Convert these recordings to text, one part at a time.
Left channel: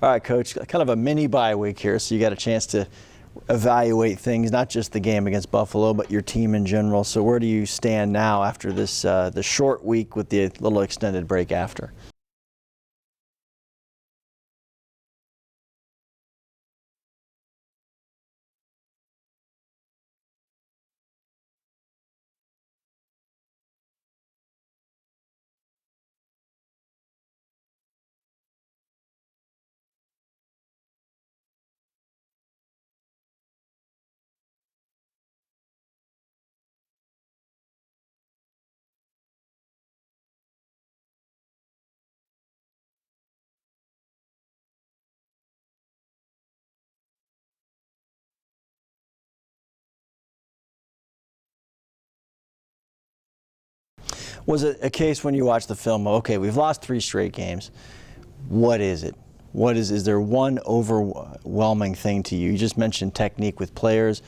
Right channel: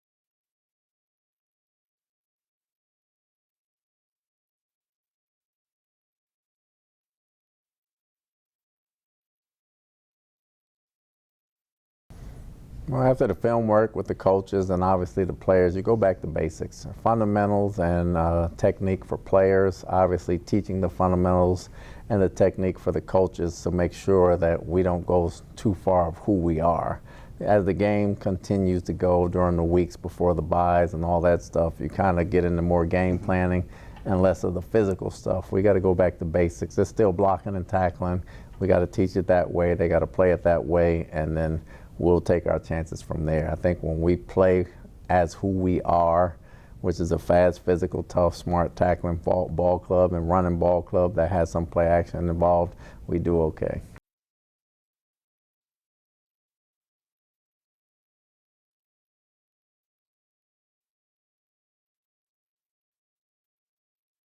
All right, Coach, kind of a mini bye week here, so you got a chance to evaluate things, not just the game against Buffalo, but your team in general. So where do you stand now after this the short week with the little extended break after? Well, after the film work with the coaches and obviously the players, you go back to basics, fundamentals and technique for players, obviously teaching the fundamentals and the technique for the coaches to make sure that we don't go too far of who we are. As the game continues to go during the weeks before the byes and all that stuff, you kind of get into more game planning and less of the physical stuff. We got to go back to basics. It's still blocking and tackling. We got to teach it that way. They got to play it that way, and then we'll take our chances from there. I think when we play as who we are, which is a fast, physical, tough, smart tackling ball club and running ball club that has some play action involved, we do okay. Was it a case when you watched the film, okay, we've lost 3 straight games. What is it? Is there one overwhelming thing to you? You just mentioned technique with players.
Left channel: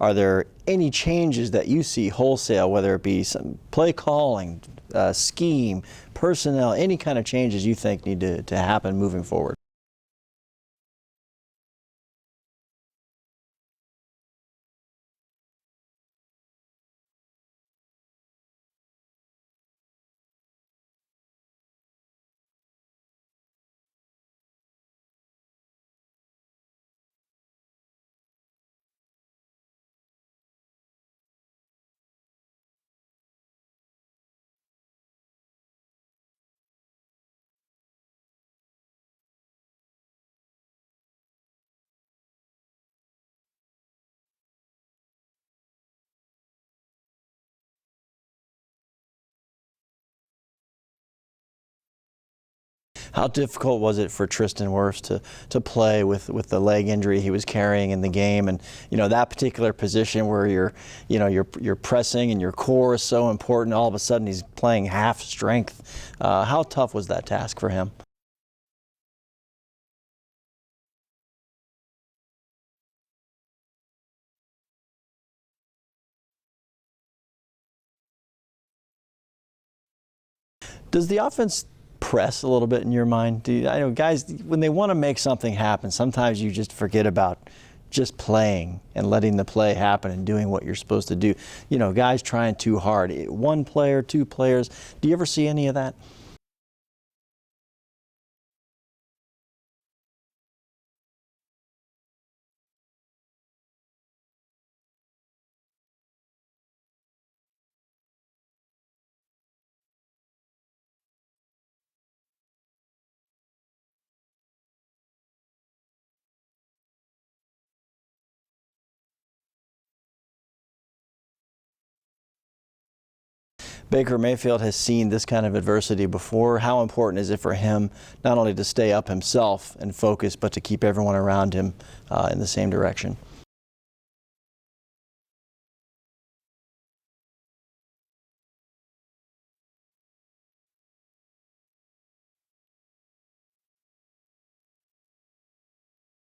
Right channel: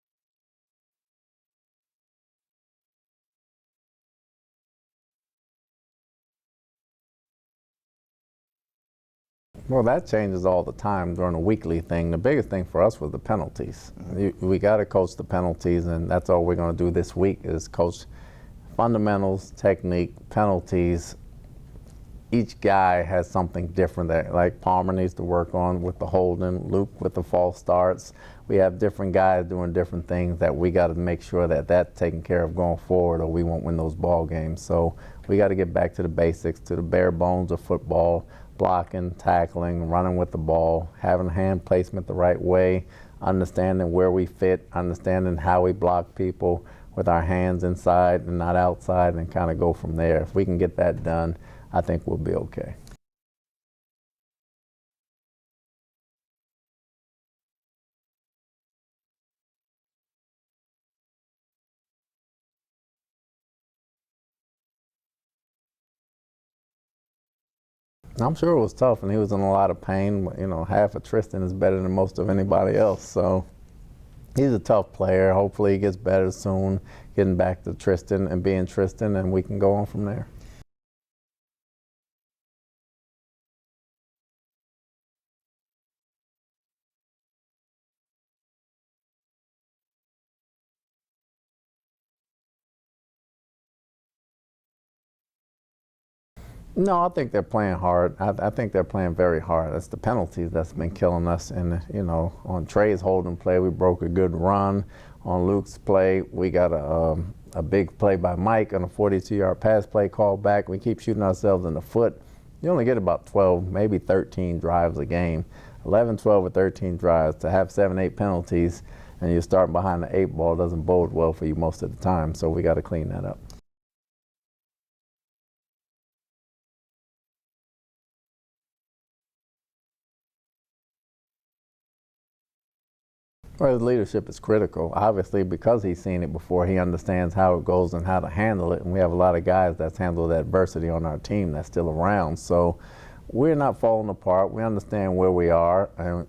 Are there any changes that you see wholesale, whether it be some play calling, scheme, personnel, any kind of changes you think need to happen moving forward? Well, that changes all the time during a weekly thing. The biggest thing for us was the penalties. We got to coach the penalties, and that's all we're going to do this week is coach fundamentals, technique, penalties. Each guy has something different that, like Palmer needs to work on with the holding, Luke with the false starts. We have different guys doing different things that we got to make sure that that's taken care of going forward, or we won't win those ball games. So we got to get back to the basics, to the bare bones of football, blocking, tackling, running with the ball, having hand placement the right way, understanding where we fit, understanding how we block people with our hands inside and not outside, and kind of go from there. If we can get that done, I think we'll be okay. How difficult was it for Tristan Wirfs to play with the leg injury he was carrying in the game, and that particular position where you're pressing and your core is so important, all of a sudden he's playing half strength. How tough was that task for him? I'm sure it was tough, and he was in a lot of pain. Half of Tristan is better than most of anybody else, so he's a tough player. Hopefully he gets better soon, getting back to Tristan and being Tristan, and we can go on from there. Does the offense press a little bit in your mind? I know guys, when they want to make something happen, sometimes you just forget about just playing and letting the play happen and doing what you're supposed to do. Guys trying too hard. 1 player, 2 players. Do you ever see any of that? No, I think they're playing hard. I think they're playing very hard. That's the penalties that's been killing us. And, on Trey's holding play, we broke a good run. On Luke's play, we got a big play by Mike on a 42-yard pass play called back. We keep shooting ourselves in the foot. You only get about 12, maybe 13 drives a game. 11, 12, or 13 drives. To have 7, 8 penalties and you're starting behind the 8 ball doesn't bode well for you most of the time, so we got to clean that up. Baker Mayfield has seen this kind of adversity before. How important is it for him not only to stay up himself and focus, but to keep everyone around him in the same direction? Well, his leadership is critical. Obviously, because he's seen it before, he understands how it goes and how to handle it. And we have a lot of guys that's handled adversity on our team that's still around. So we're not falling apart. We understand where we are. And,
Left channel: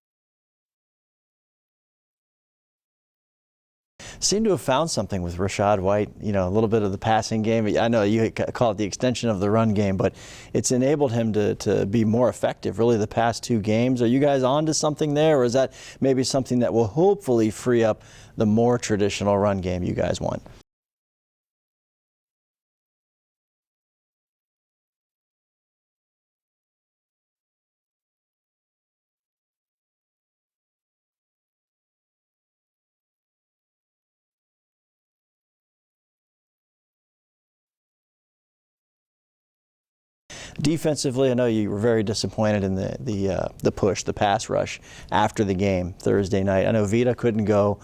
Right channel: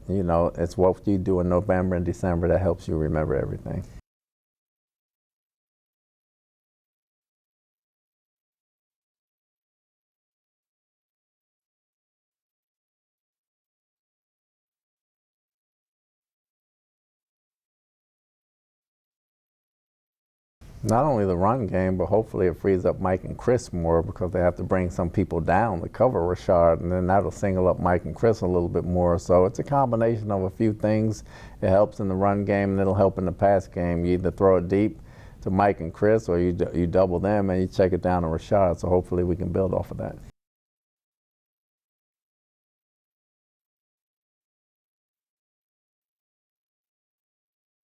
it's what you do in November and December that helps you remember everything. Seem to have found something with Rachaad White, a little bit of the passing game. I know you call it the extension of the run game, but it's enabled him to be more effective, really, the past 2 games. Are you guys on to something there, or is that maybe something that will hopefully free up the more traditional run game you guys want? Not only the run game, but hopefully it frees up Mike and Chris more, because they have to bring some people down to cover Rachaad, and then that'll single up Mike and Chris a little bit more. So it's a combination of a few things. It helps in the run game, and it'll help in the pass game. You either throw it deep to Mike and Chris, or you double them and you check it down to Rachaad. So hopefully we can build off of that. Defensively, I know you were very disappointed in the push, the pass rush after the game Thursday night. I know Vita couldn't go.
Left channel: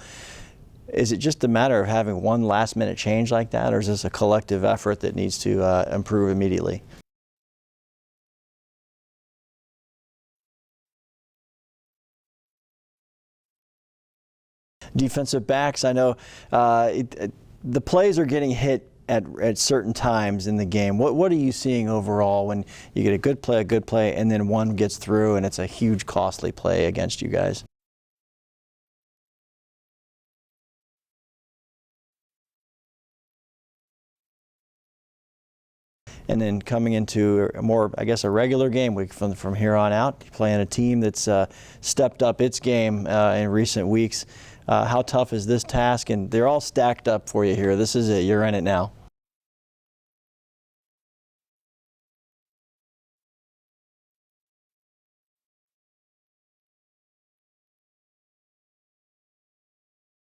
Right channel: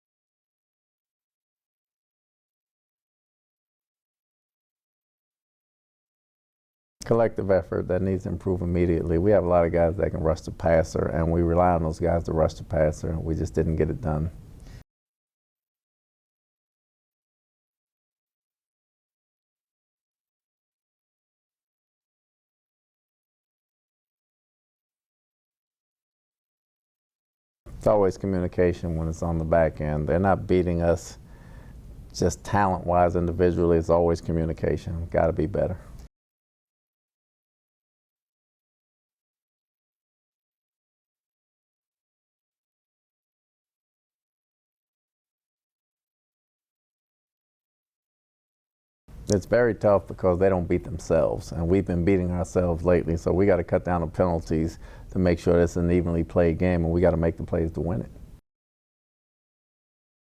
Is it just a matter of having one last-minute change like that, or is this a collective effort that needs to improve immediately? Collective effort that needs to improve immediately. We have a lot of guys that can rush the passer, and we rely on those guys to rush the passer. We just didn't get it done. Defensive backs, I know the plays are getting hit at certain times in the game. What are you seeing overall when you get a good play, and then one gets through and it's a huge costly play against you guys? It's always communication when it's on the back end. They're not beating us just talent-wise individually. It's always communication. Got to be better. And then coming into a more, I guess, a regular game week from here on out, you're playing a team that's stepped up its game in recent weeks. How tough is this task? And they're all stacked up for you here. This is it. You're in it now. It's very tough because they don't beat themselves, and we've been beating ourselves lately. So we got to cut down the penalties to make sure it's an evenly played game, and we got to make the plays to win it.